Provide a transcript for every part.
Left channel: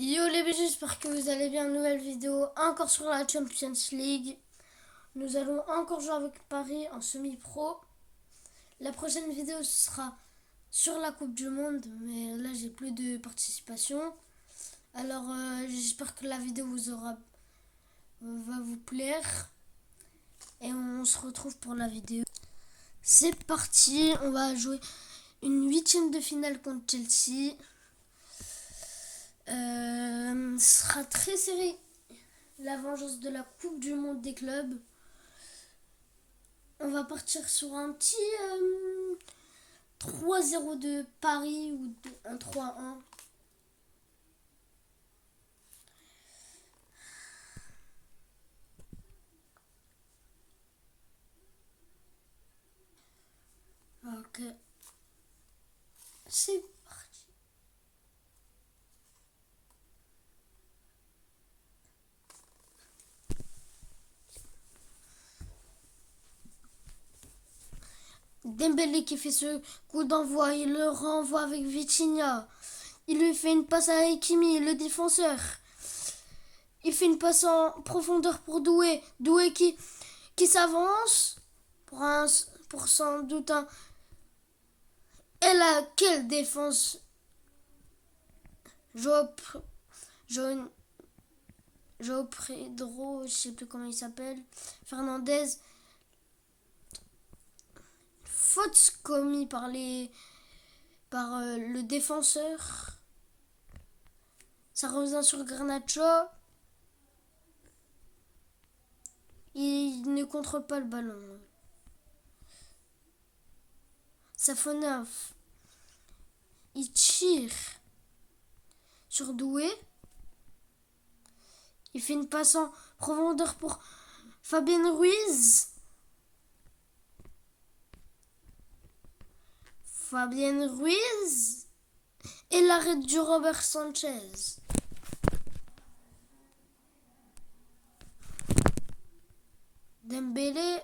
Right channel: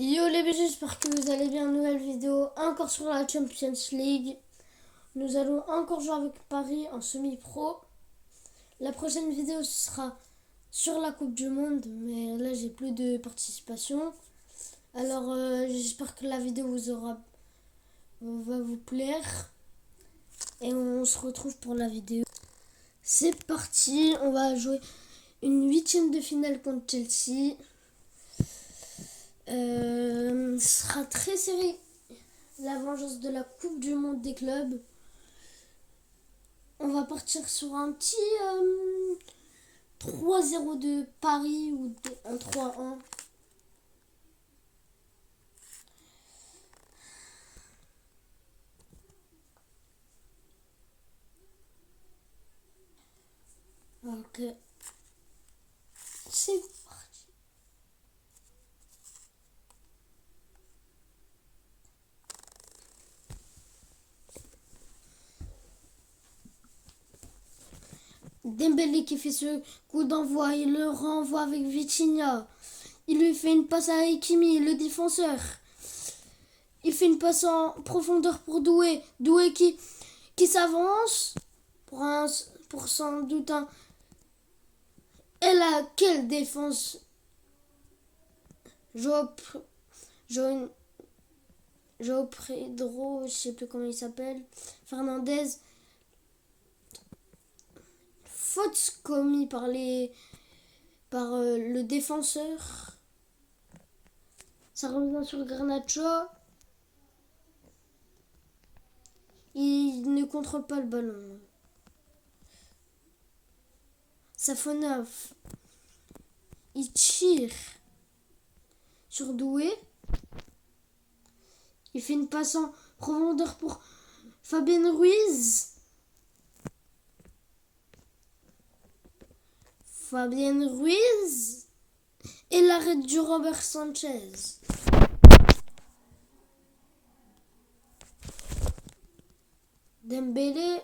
Yo les BG, j'espère que vous allez bien. Nouvelle vidéo encore sur la Champions League. Nous allons encore jouer avec Paris en semi-pro. La prochaine vidéo sera sur la Coupe du Monde, mais là j'ai plus de participation. Alors j'espère que la vidéo va vous plaire. Et on se retrouve pour la vidéo. C'est parti, on va jouer une huitième de finale contre Chelsea. Ce sera très serré. La vengeance de la Coupe du Monde des clubs. On va partir sur un petit 3-0 de Paris ou un 3-1. Ok. C'est parti. Dembélé qui fait ce coup d'envoi, il le renvoie avec Vitinha. Il lui fait une passe à Hakimi, le défenseur. Il fait une passe en profondeur pour Doué. Doué qui s'avance pour sans doute un... Et là, quelle défense! Joao Pedro, je sais plus comment il s'appelle. Fernandez. Faute commis par le défenseur. Ça revient sur Garnacho. Il ne contrôle pas le ballon. Safonov. Il tire sur Doué. Il fait une passe en profondeur pour Fabien Ruiz. Fabien Ruiz. Et l'arrêt du Robert Sanchez. Dembélé.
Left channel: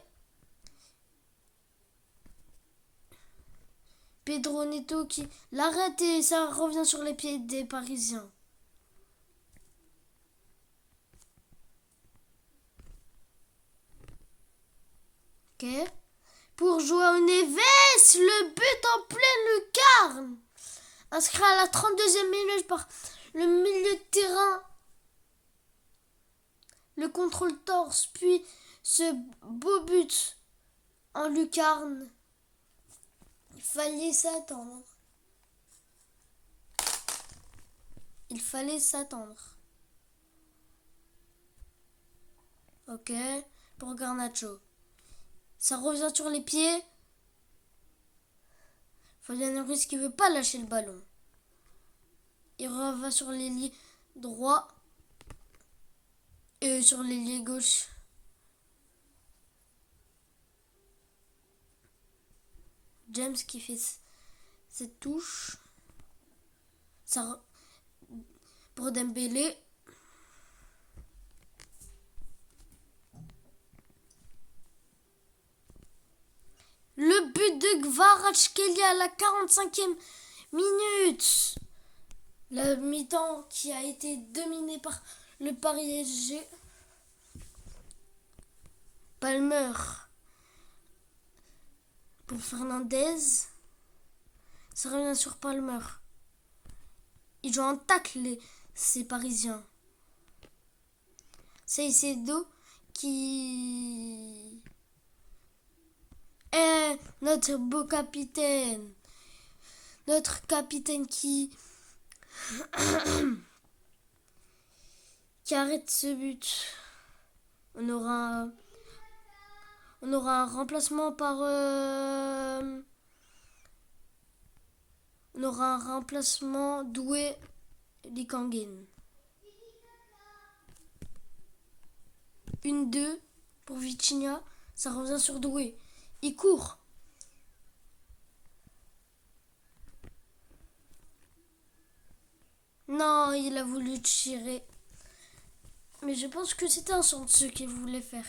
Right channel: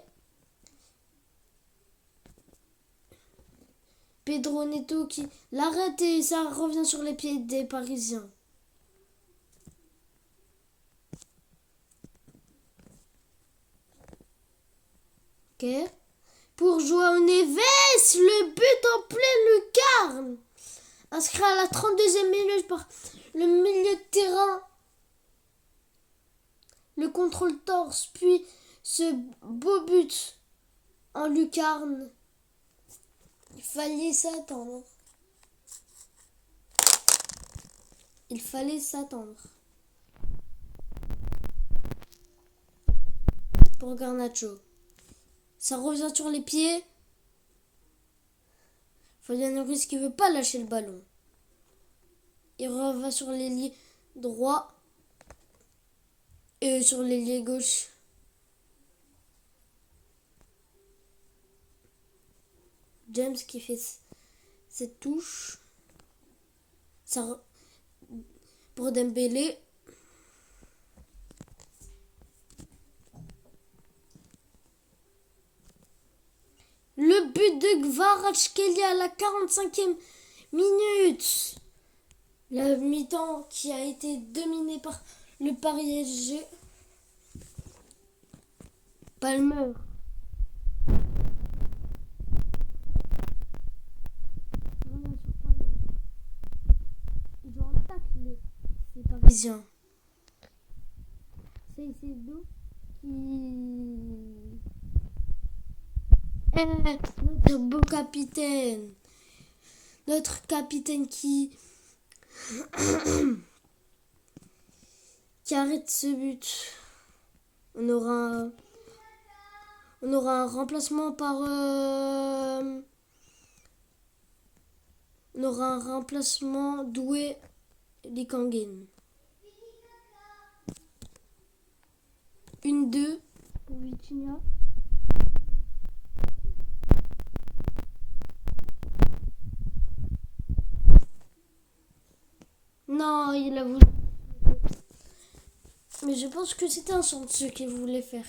Pedro Neto qui l'arrête et ça revient sur les pieds des Parisiens. Ok. Pour Joao Neves, le but en pleine lucarne. Inscrit à la 32e minute par le milieu de terrain. Le contrôle torse, puis ce beau but en lucarne. Il fallait s'attendre. Il fallait s'attendre. Ok. Pour Garnacho. Ça revient sur les pieds. Fabien Ruiz qui veut pas lâcher le ballon. Il revient sur l'ailier droit. Et sur l'ailier gauche. James qui fait cette touche. Ça pour Dembélé. Le but de Kvaratskhelia à la 45e minute. La mi-temps qui a été dominée par le Paris SG. Palmer pour Fernandez. Ça revient sur Palmer. Ils jouent en tacle, ces Parisiens. Caicedo qui est notre beau capitaine. Notre capitaine qui arrête ce but. On aura un remplacement par on aura un remplacement Doué Likangen. 1-2 pour Vitinha. Ça revient sur Doué. Il court. Non, il a voulu tirer. Mais je pense que c'était un centre ce qu'il voulait faire.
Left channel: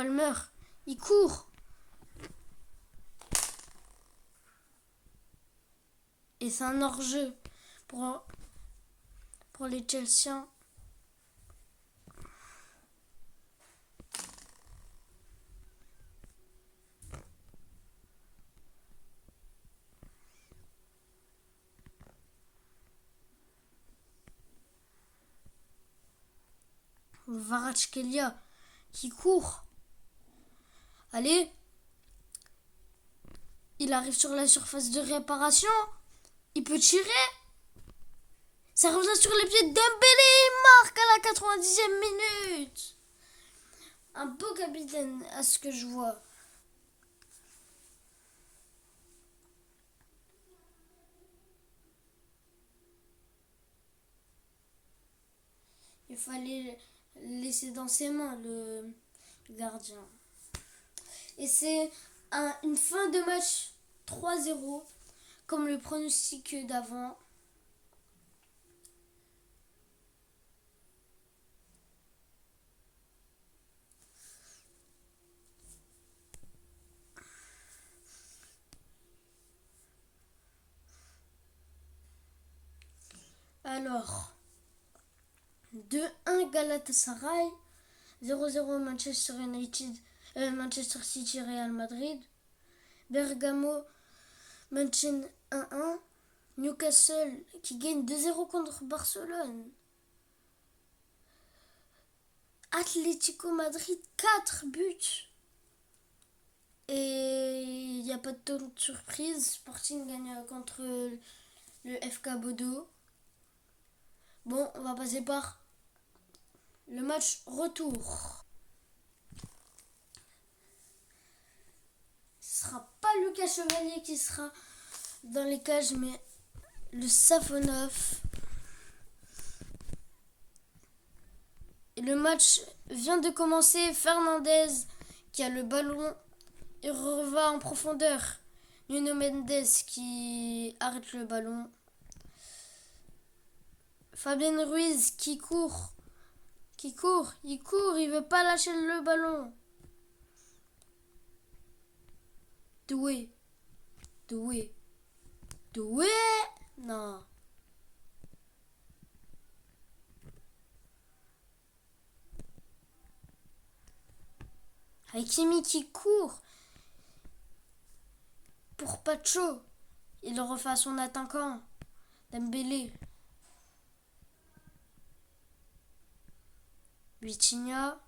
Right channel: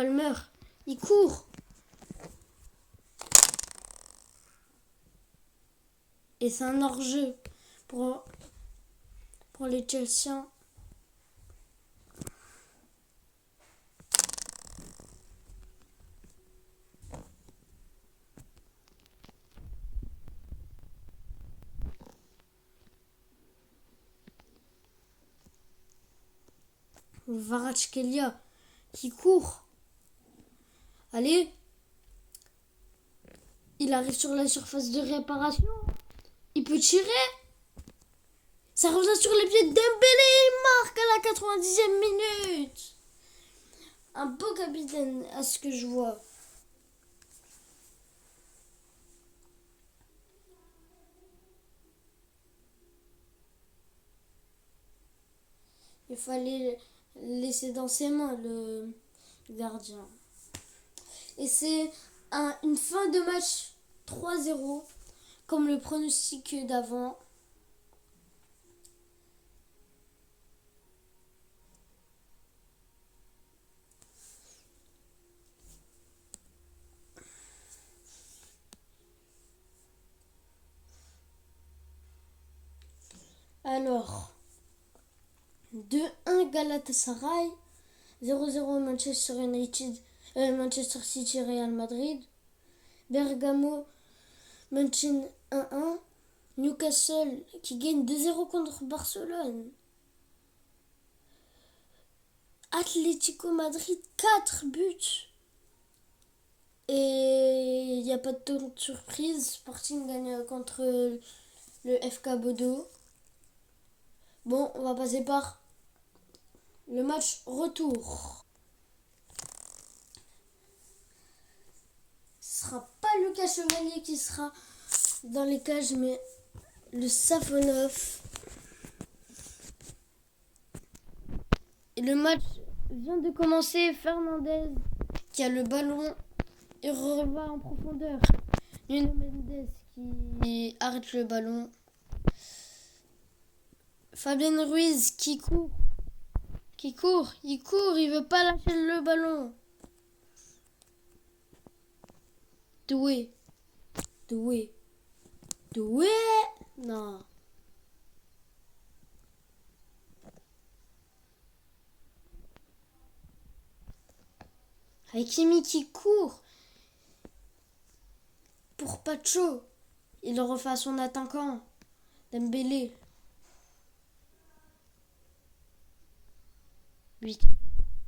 Palmer. Il court. Et c'est un hors-jeu pour les Chelseans. Kvaratskhelia qui court. Allez. Il arrive sur la surface de réparation. Il peut tirer. Ça revient sur les pieds de Dembélé. Il marque à la 90e minute. Un beau capitaine à ce que je vois. Il fallait laisser dans ses mains le gardien. Et c'est une fin de match 3-0, comme le pronostic d'avant. Alors, 2-1 Galatasaray, 0-0 Manchester United, Manchester City Real Madrid, Bergamo München 1-1, Newcastle qui gagne 2-0 contre Barcelone, Atlético Madrid 4 buts. Et il n'y a pas de ton de surprise, Sporting gagne contre le FK Bodo. Bon, on va passer par le match retour. Ce sera pas Lucas Chevalier qui sera dans les cages, mais le Safonov. Et le match vient de commencer. Fernandez qui a le ballon et va en profondeur. Nuno Mendes qui arrête le ballon. Fabien Ruiz qui court. Il veut pas lâcher le ballon. Doué. Non. Hakimi qui court pour Pacho. Il le refait à son attaquant. Dembélé. Vitinha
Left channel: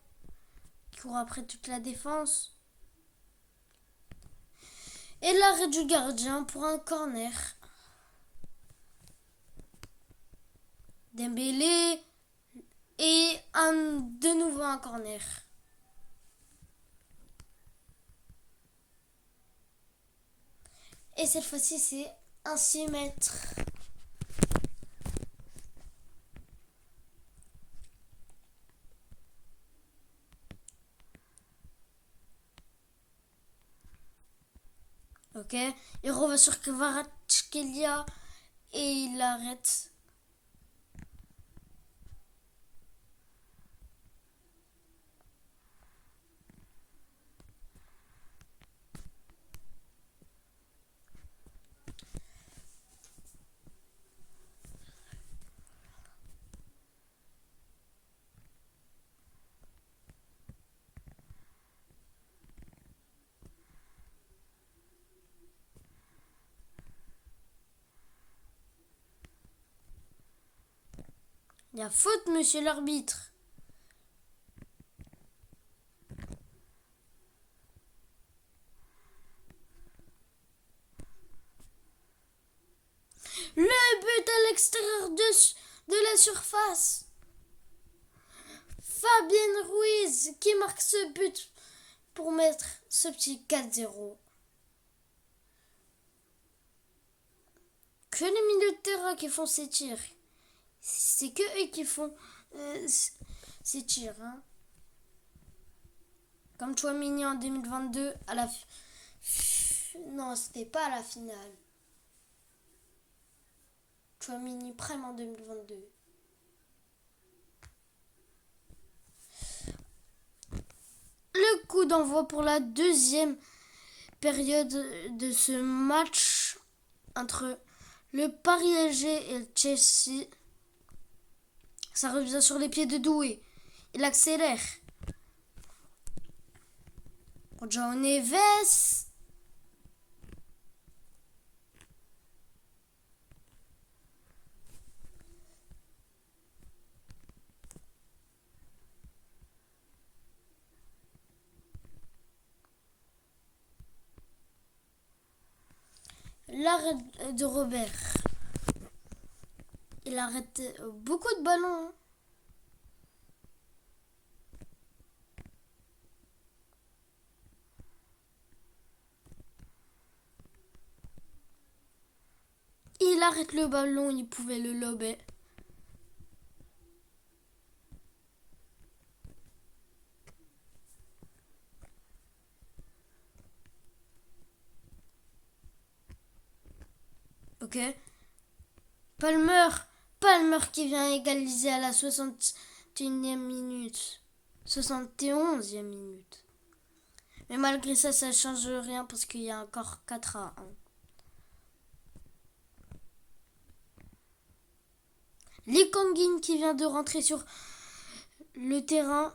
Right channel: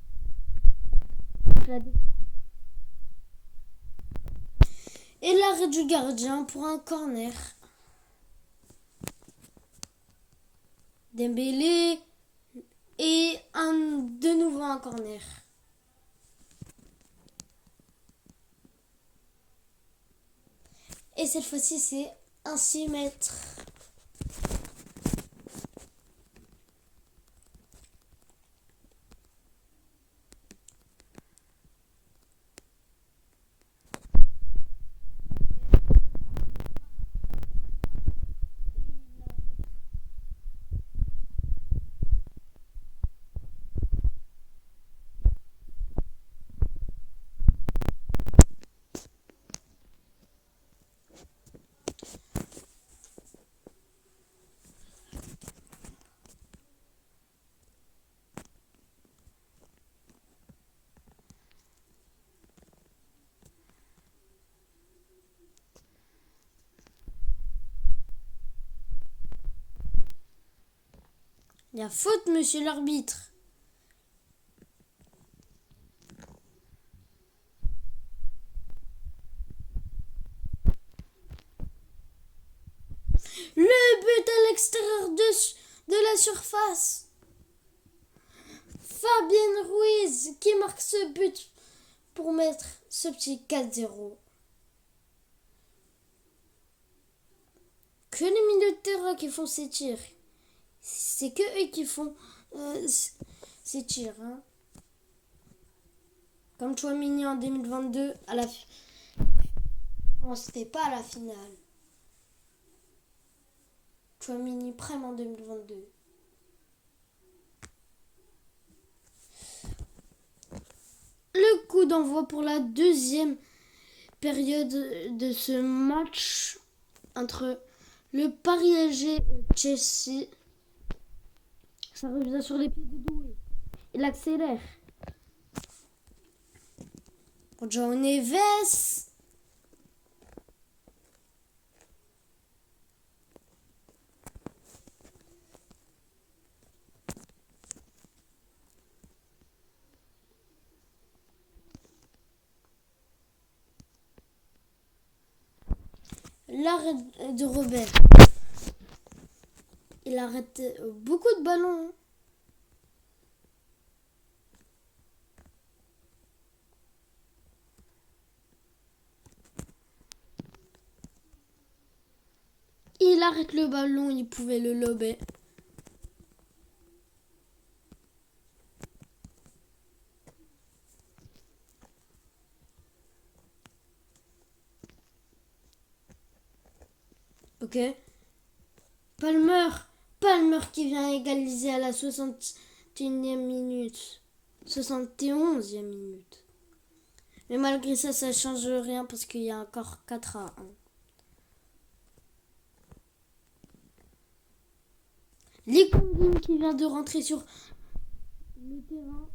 qui court après toute la défense. Et l'arrêt du gardien pour un corner. Dembélé et de nouveau un corner. Et cette fois-ci, c'est un 6 mètres. Ok, il revient sur Kvaratskhelia et il arrête. Il y a faute, monsieur l'arbitre. Le but à l'extérieur de la surface. Fabien Ruiz qui marque ce but pour mettre ce petit 4-0. Que les milieux de terrain qui font ces tirs. C'est que eux qui font ces tirs. Hein. Comme Chouamini en 2022 à la non, c'était pas à la finale. Chouamini Prime en 2022. Le coup d'envoi pour la deuxième période de ce match entre le Paris SG et le Chelsea. Ça revient sur les pieds de Doué. Il accélère. João Neves. L'arrêt de Robert. Il arrête beaucoup de ballons. Il arrête le ballon, il pouvait le lober. Ok. Palmer qui vient égaliser à la 61e minute. 71e minute. Mais malgré ça, ça ne change rien parce qu'il y a encore 4-1. Lee Kang-in qui vient de rentrer sur le terrain.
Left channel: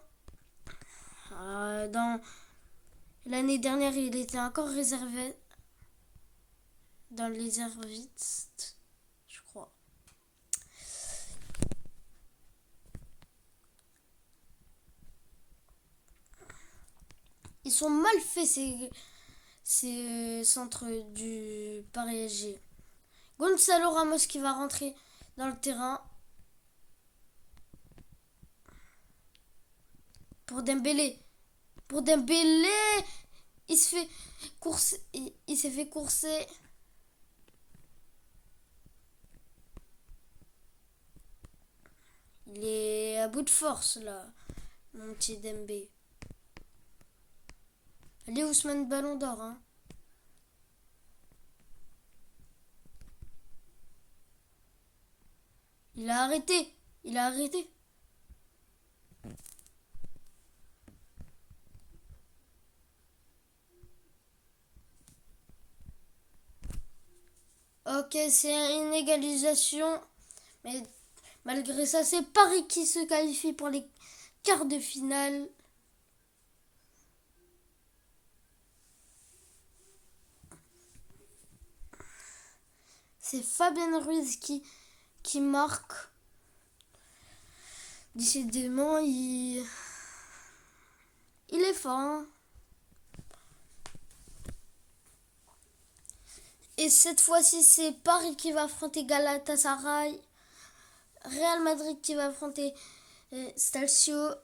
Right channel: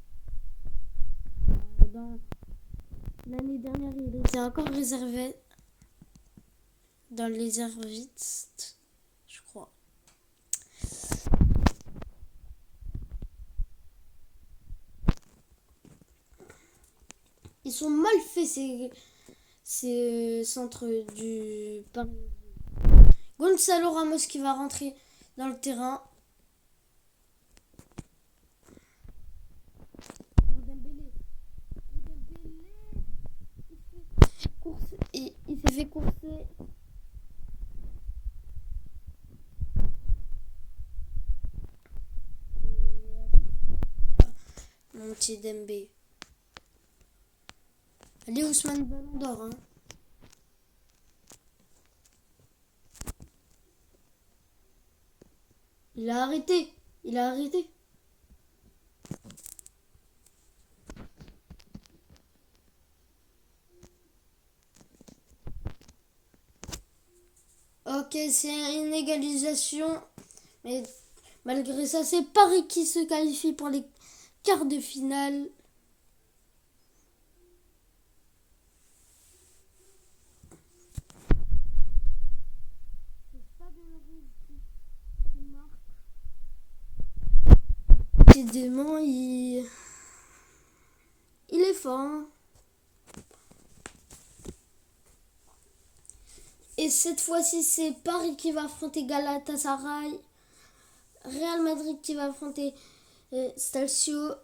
Dans l'année dernière, il était encore réservé dans les réservistes, je crois. Ils sont mal faits ces centres du Paris SG. Gonzalo Ramos qui va rentrer dans le terrain pour Dembélé. Il se fait courser. Il s'est fait courser. Il est à bout de force là, mon petit Dembélé. Allez Ousmane, ballon d'or. Hein. Il a arrêté. Ok, c'est une égalisation. Mais malgré ça, c'est Paris qui se qualifie pour les quarts de finale. C'est Fabien Ruiz qui marque. Décidément, il est fort. Hein. Et cette fois-ci, c'est Paris qui va affronter Galatasaray. Real Madrid qui va affronter Stalcio.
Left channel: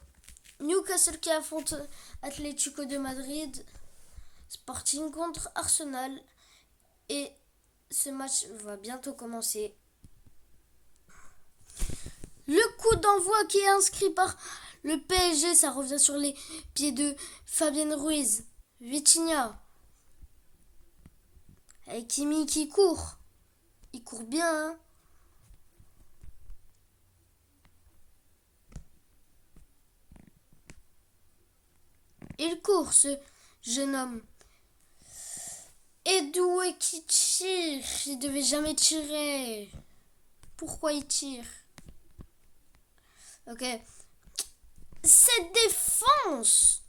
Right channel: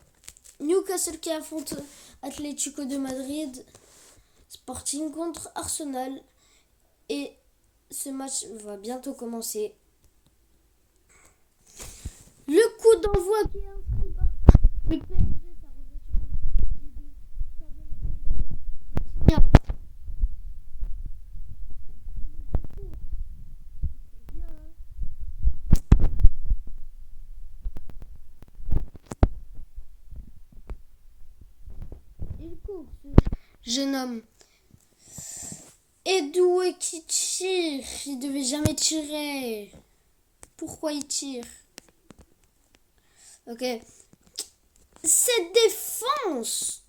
Newcastle qui affronte Atlético de Madrid. Sporting contre Arsenal. Et ce match va bientôt commencer. Le coup d'envoi qui est inscrit par le PSG, ça revient sur les pieds de Fabien Ruiz. Vitinha. Et Kimi qui court. Il court bien. Hein. Il court, ce jeune homme. Et Doué qui tire. Il devait jamais tirer. Pourquoi il tire? Ok. Cette défense.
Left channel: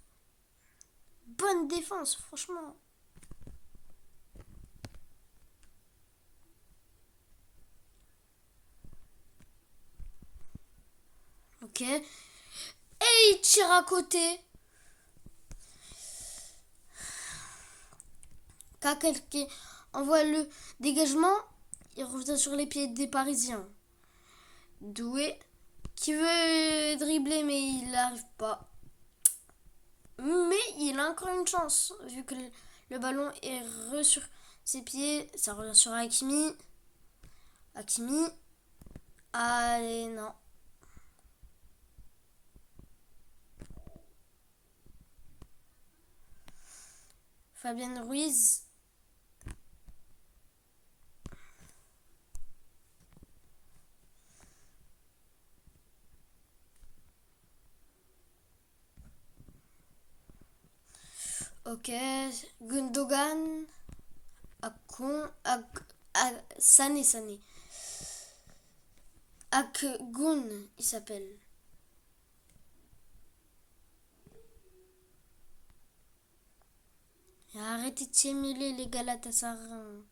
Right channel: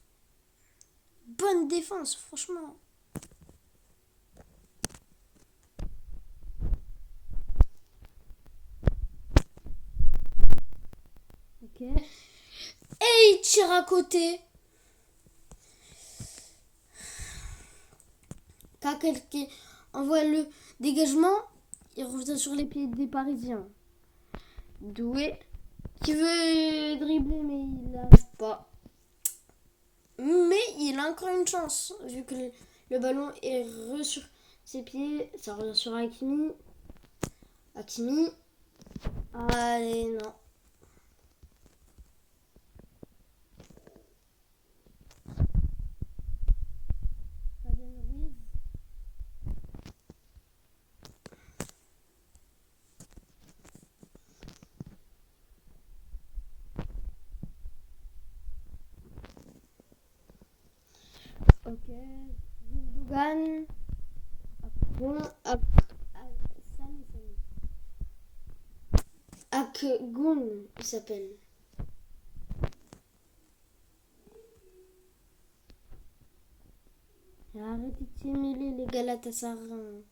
Bonne défense, franchement. Ok. Et il tire à côté. Kakel qui envoie le dégagement. Il revient sur les pieds des Parisiens. Doué qui veut dribbler mais il n'arrive pas. Mais il a encore une chance vu que le ballon est sur ses pieds. Ça revient sur Hakimi. Allez, non. Fabien Ruiz. Ok. Gundogan. Sané. Akgun, il s'appelle. Arrêtez de simuler les Galatasaray.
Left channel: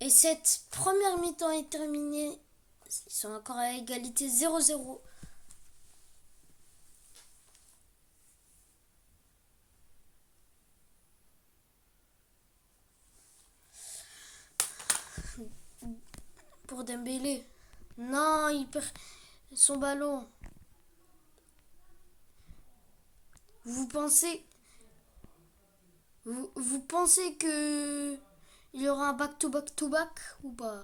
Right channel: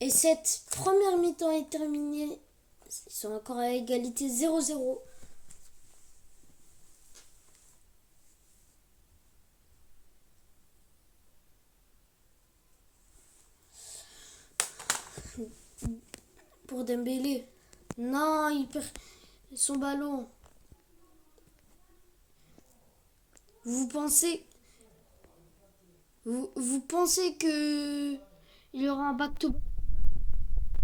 Et cette première mi-temps est terminée. Ils sont encore à égalité 0-0. Pour Dembélé. Non, il perd son ballon. Vous pensez que il y aura un back-to-back ou pas?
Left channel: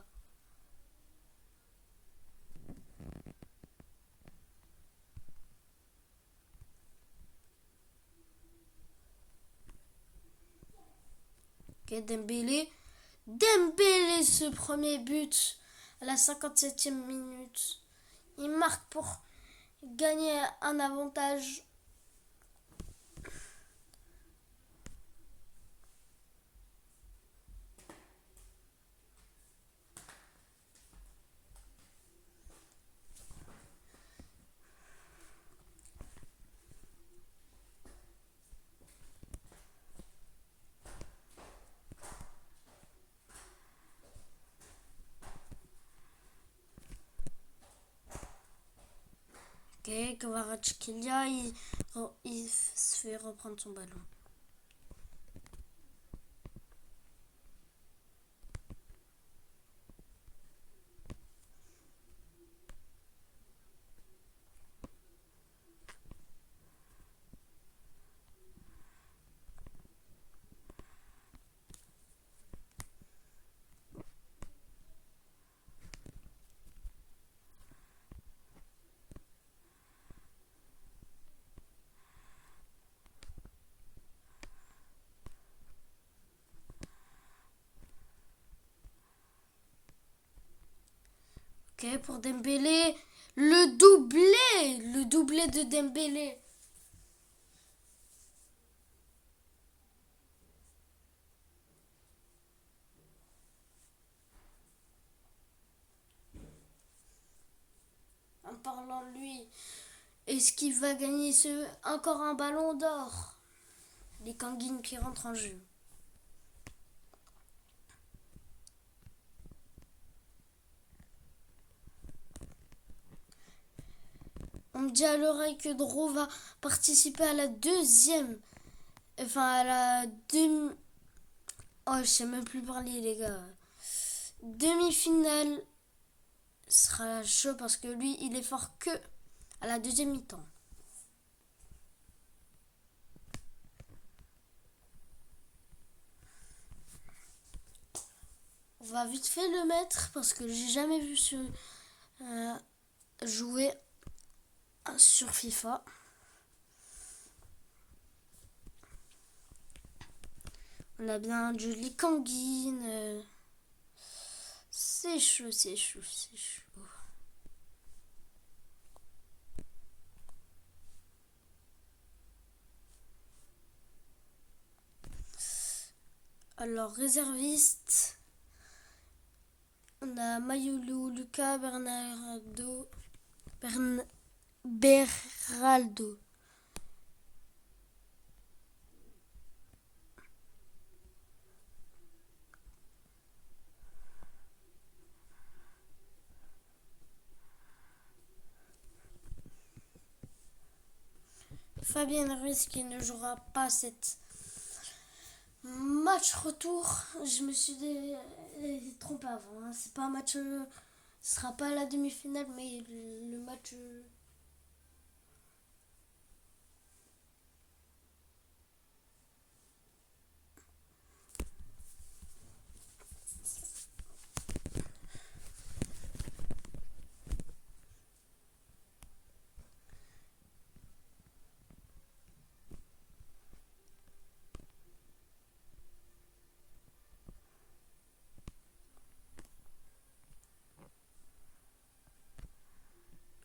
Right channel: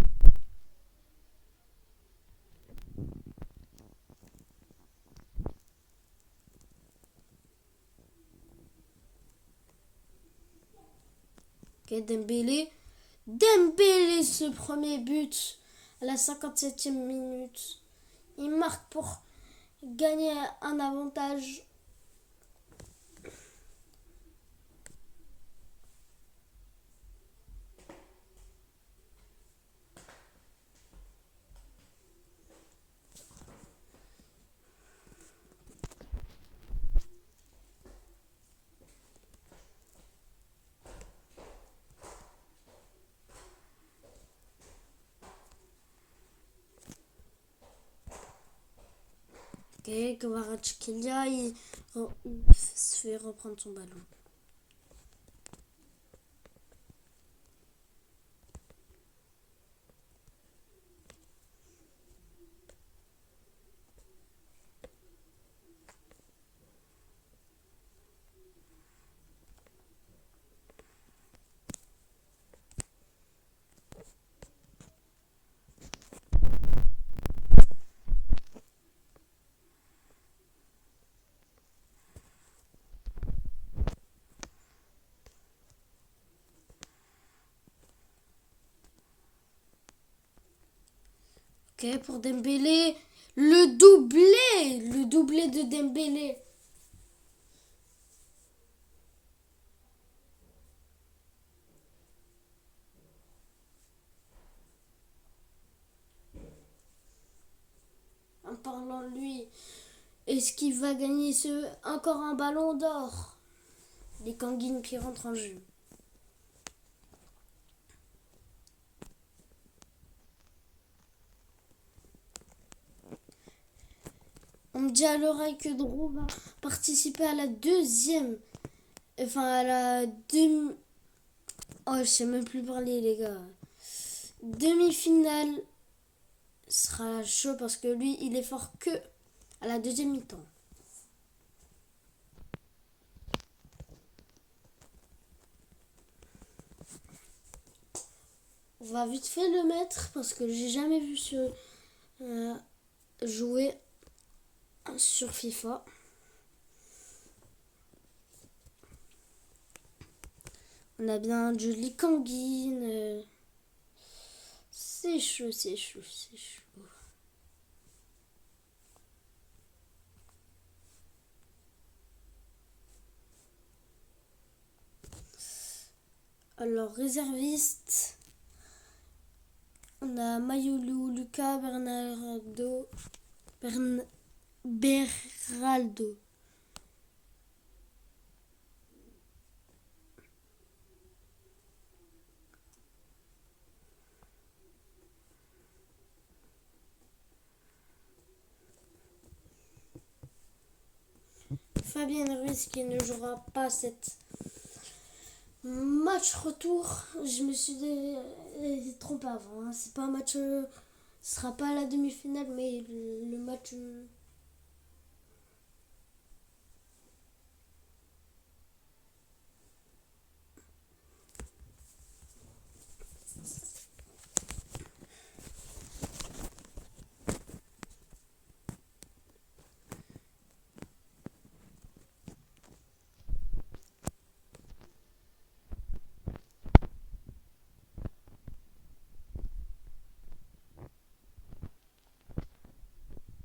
Ok, Dembélé. Dembélé, ce premier but à la 57e minute. Il marque pour gagner un avantage. Ok, Kvaratskhelia, il se fait reprendre son ballon. Ok, pour Dembélé, le doublé de Dembélé. En parlant de lui, est-ce qu'il va gagner encore un ballon d'or? Les Kanguines qui rentrent en jeu. On me dit à l'oreille que Dro va participer à la deuxième. Enfin, à la demi. Oh, je sais même plus parler, les gars. Demi-finale sera chaud parce que lui, il est fort que à la deuxième mi-temps. On va vite fait le mettre parce que j'ai jamais vu jouer sur FIFA. On a bien Julie Kanguine. C'est chaud. Alors, réserviste. On a Mayulu, Lucas, Beraldo. Fabien Ruiz qui ne jouera pas cette match retour. Je me suis trompé avant. Hein. C'est pas un match. Ce sera pas la demi-finale, mais le match.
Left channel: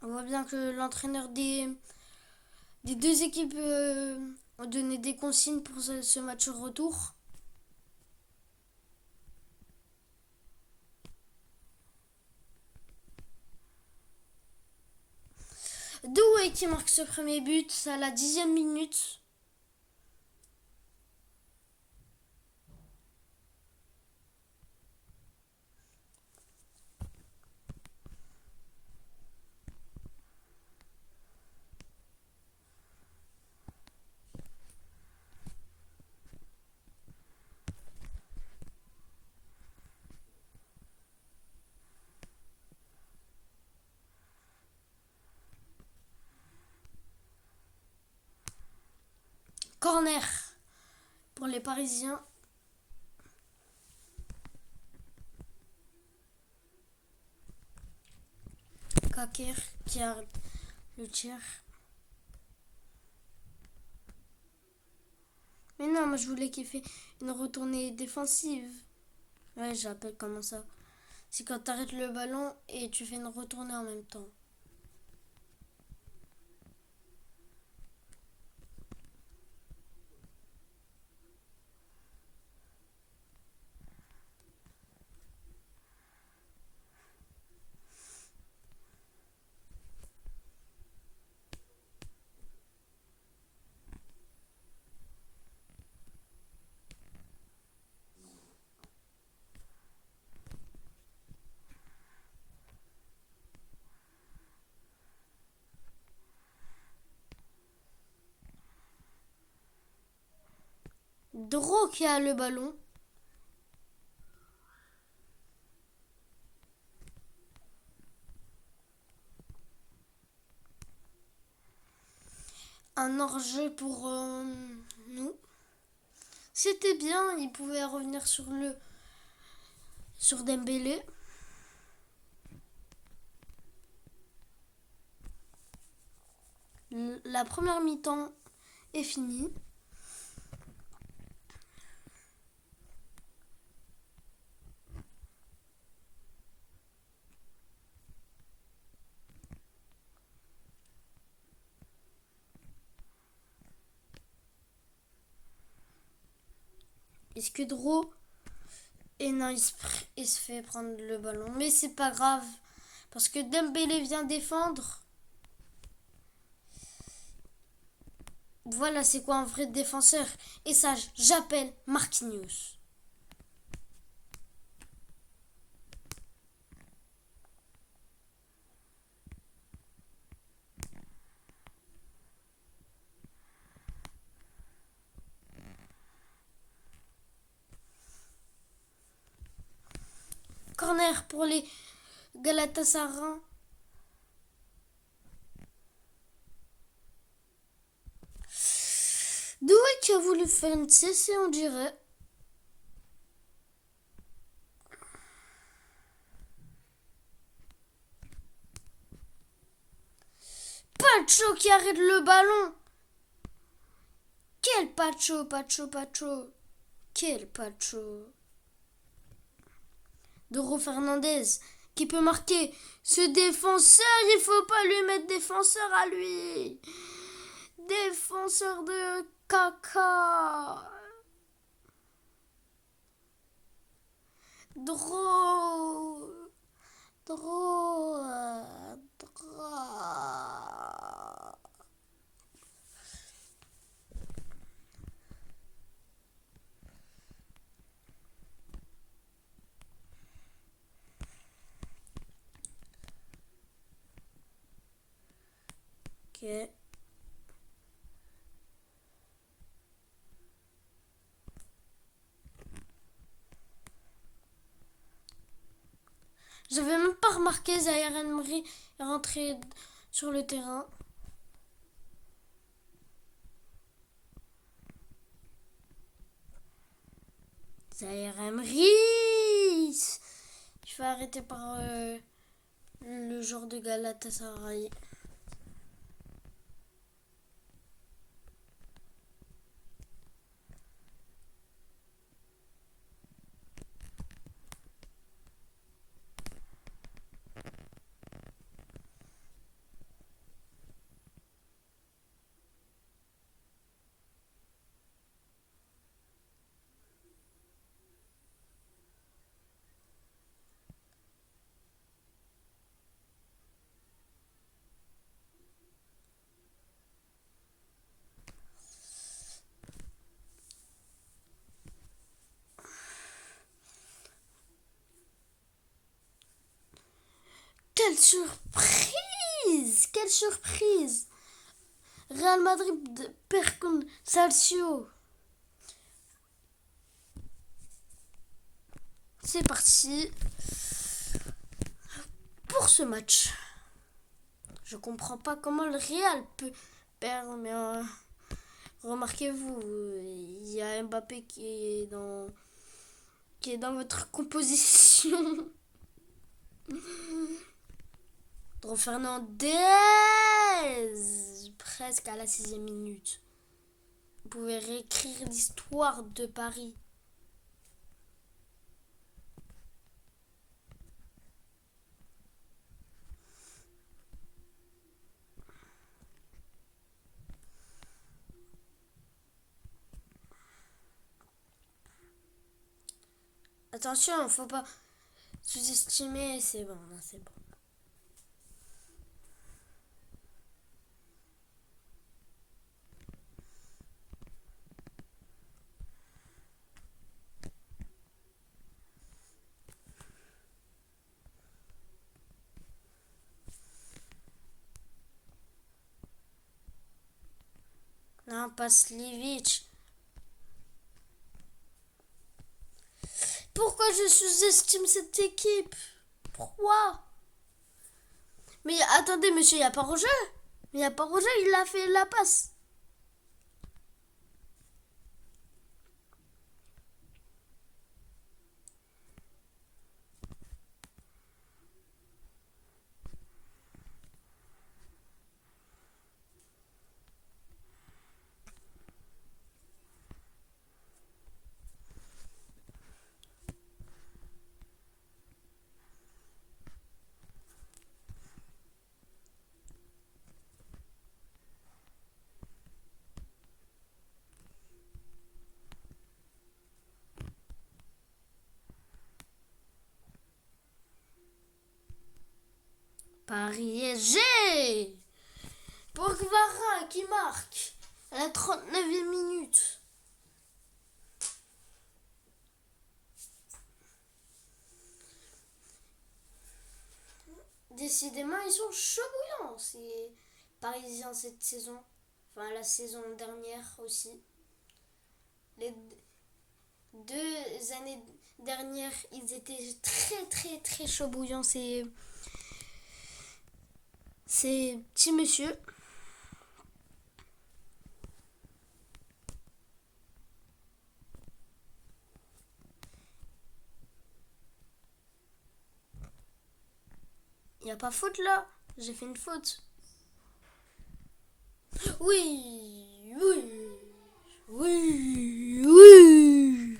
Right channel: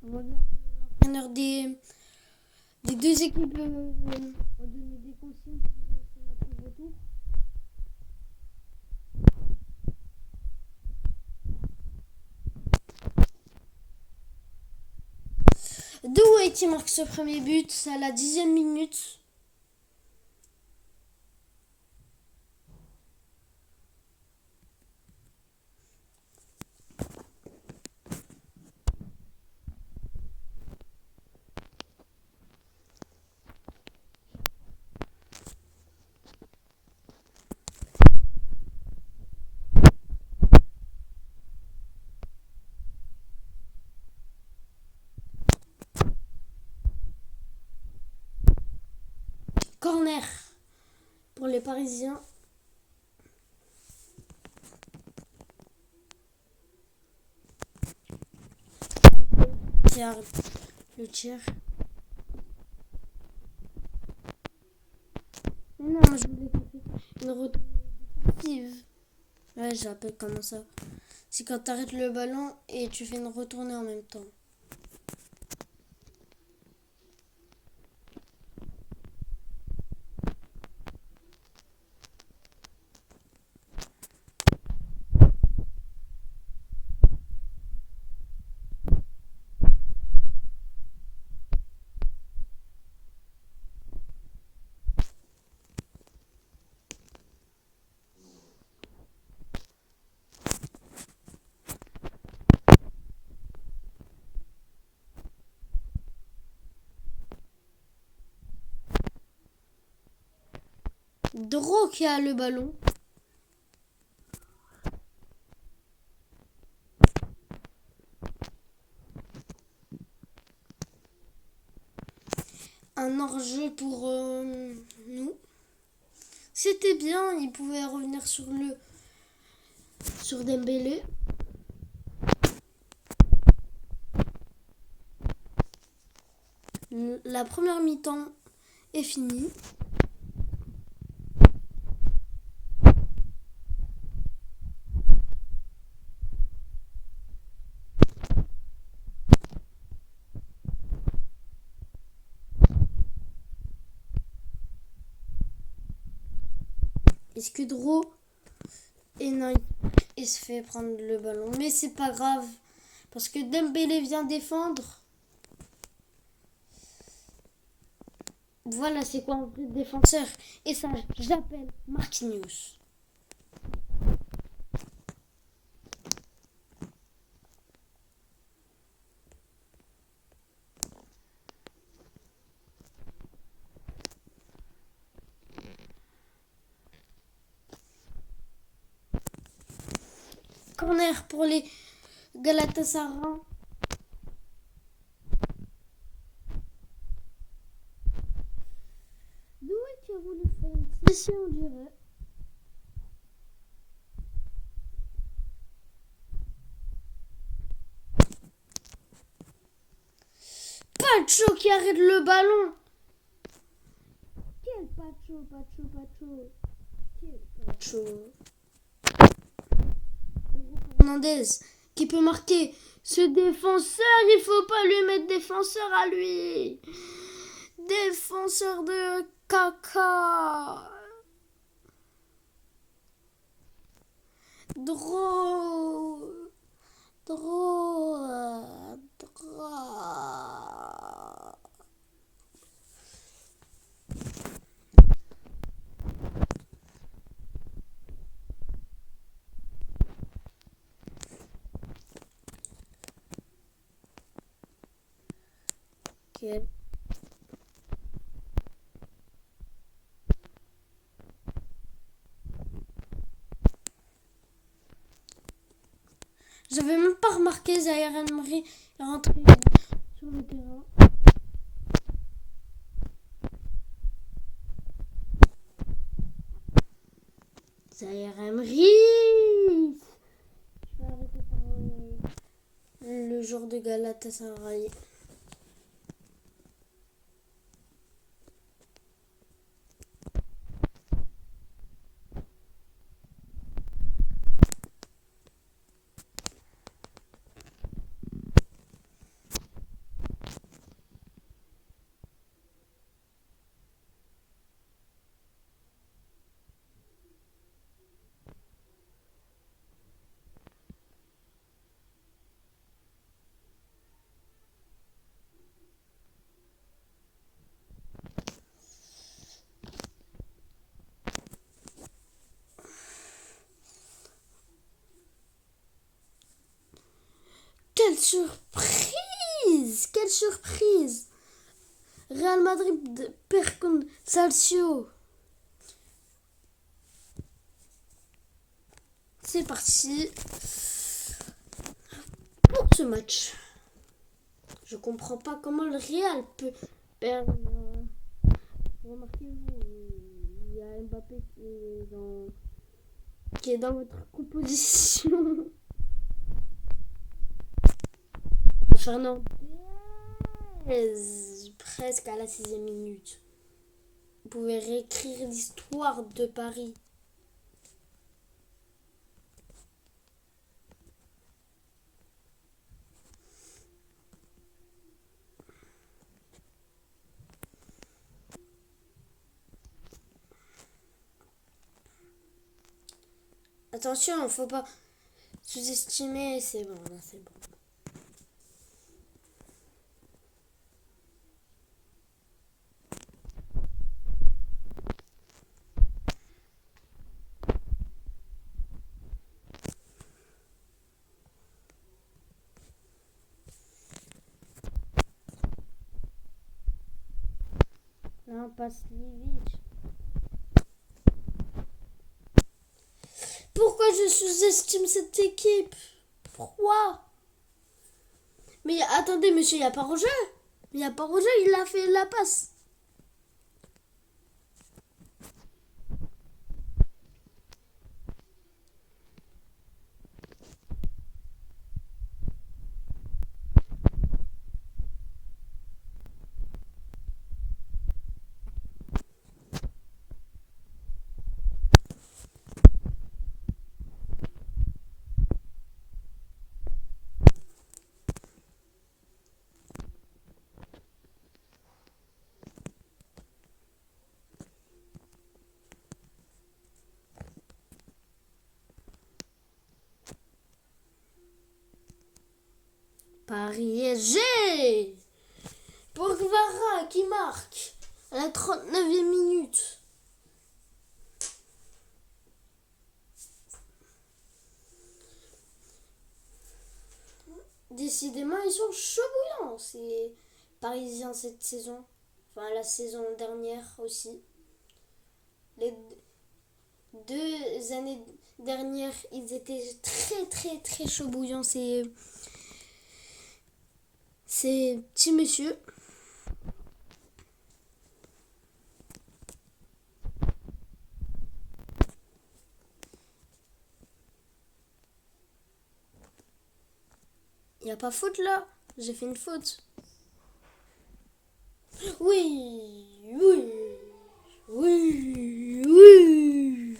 On voit bien que l'entraîneur des deux équipes ont donné des consignes pour ce match retour. Doué qui marque ce premier but, c'est à la 10e minute. Corner pour les Parisiens. Kakir qui arrête le tir. Mais non, moi je voulais qu'il fait une retournée défensive. Ouais, j'appelle comment ça. C'est quand tu arrêtes le ballon et tu fais une retournée en même temps. Dro qui a le ballon. Un hors-jeu pour nous. C'était bien, il pouvait revenir sur Dembélé. La première mi-temps est finie. Escudero. Et non, il se fait prendre le ballon. Mais c'est pas grave. Parce que Dembélé vient défendre. Voilà, c'est quoi un vrai défenseur. Et ça, j'appelle Marquinhos. Corner pour les Galatasaray. Doué qui a voulu faire une CC, on dirait. Pacho qui arrête le ballon. Quel Pacho. Quel Pacho. Doro Fernandez qui peut marquer. Ce défenseur, il faut pas lui mettre défenseur à lui. Défenseur de caca. Dro. Ok. J'avais même pas remarqué Zaire Emery est rentré sur le terrain. Zaire Emery. Je vais arrêter par le joueur de Galatasaray. quelle surprise! Quelle surprise! Real Madrid perd contre Calcio. C'est parti pour ce match. Je comprends pas comment le Real peut perdre, mais remarquez-vous, il y a Mbappé qui est dans votre composition. Fernandez, presque à la 6e minute. Vous pouvez réécrire l'histoire de Paris. Attention, faut pas sous-estimer. C'est bon, là, c'est bon. Non, pas Slivic. Pourquoi je sous-estime cette équipe? Pourquoi? Mais attendez, monsieur, il n'y a pas Roger. Il n'y a pas Roger, il a fait la passe. Paris SG. Pogba qui marque à la 39e minute. Décidément, ils sont chauds bouillants, ces Parisiens cette saison. Enfin, la saison dernière aussi. Les 2 années dernières, ils étaient très très très chauds bouillants, ces petits messieurs. Il n'y a pas faute là. J'ai fait une faute. Oui, oui, oui, oui.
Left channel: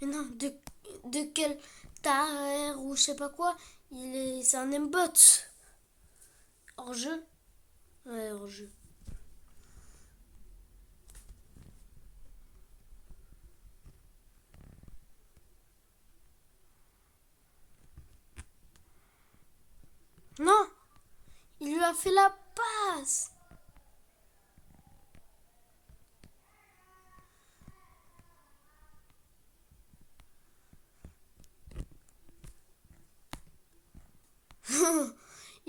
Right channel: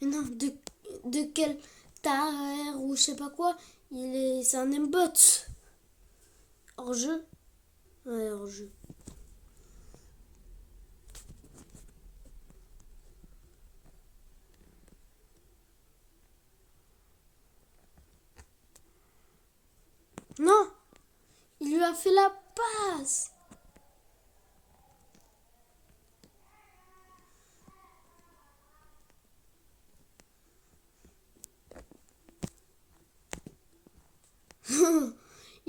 Mais non, de quel Taher ou je sais pas quoi, c'est un aimbot. Hors jeu. Ouais, hors jeu. Non, il lui a fait la passe.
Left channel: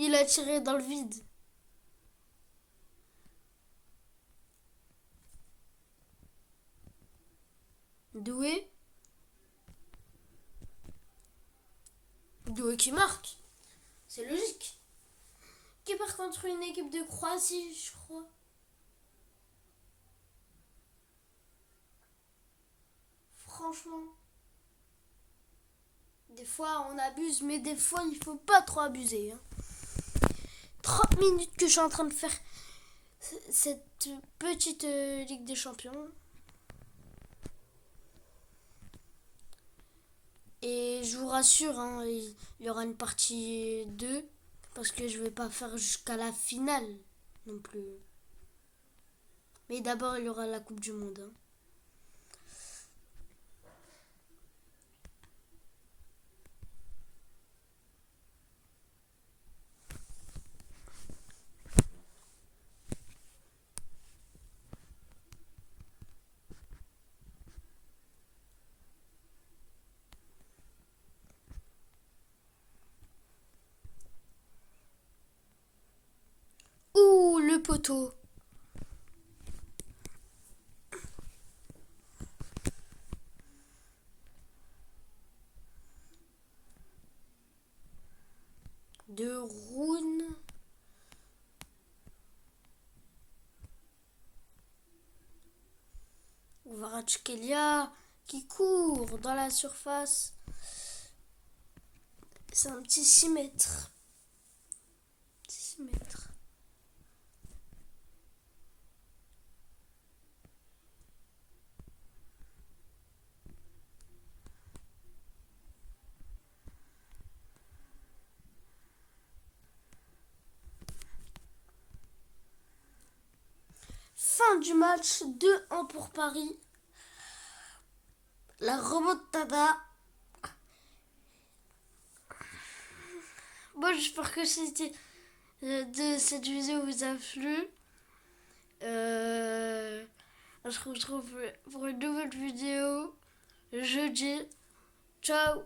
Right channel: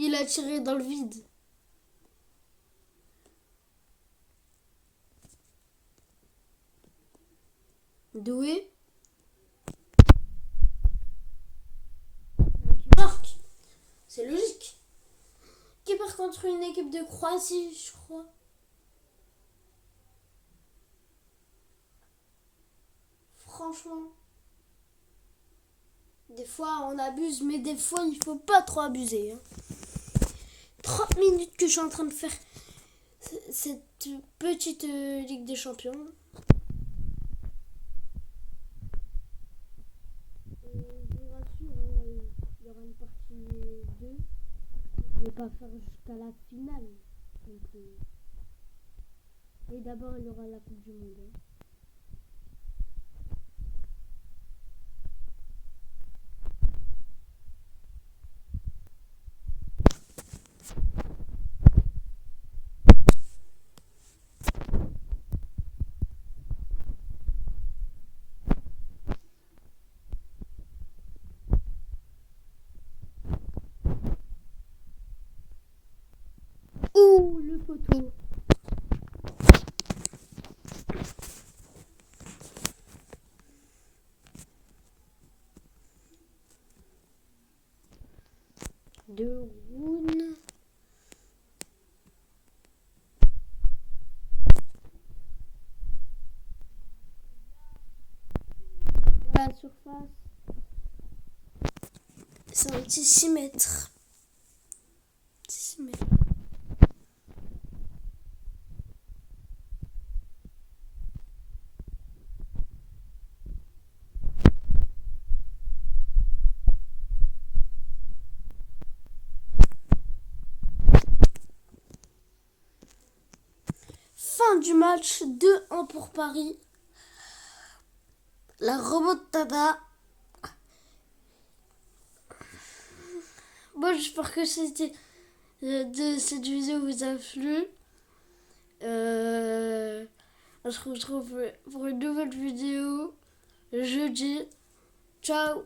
Il a tiré dans le vide. Doué. Doué qui marque. C'est logique. Qui part contre une équipe de Croatie, je crois. Franchement. Des fois on abuse, mais des fois il faut pas trop abuser. 30 minutes que je suis en train de faire cette petite Ligue des Champions. Et je vous rassure, il y aura une partie 2 parce que je vais pas faire jusqu'à la finale non plus. Mais d'abord il y aura la Coupe du Monde. le poteau. De Rouen. Kvaratskhelia qui court dans la surface. C'est un petit 6 mètres. 6 mètres. Fin du match, 2-1 pour Paris. La remontada. Bon, j'espère que de cette vidéo vous a plu. On se retrouve pour une nouvelle vidéo jeudi. Ciao.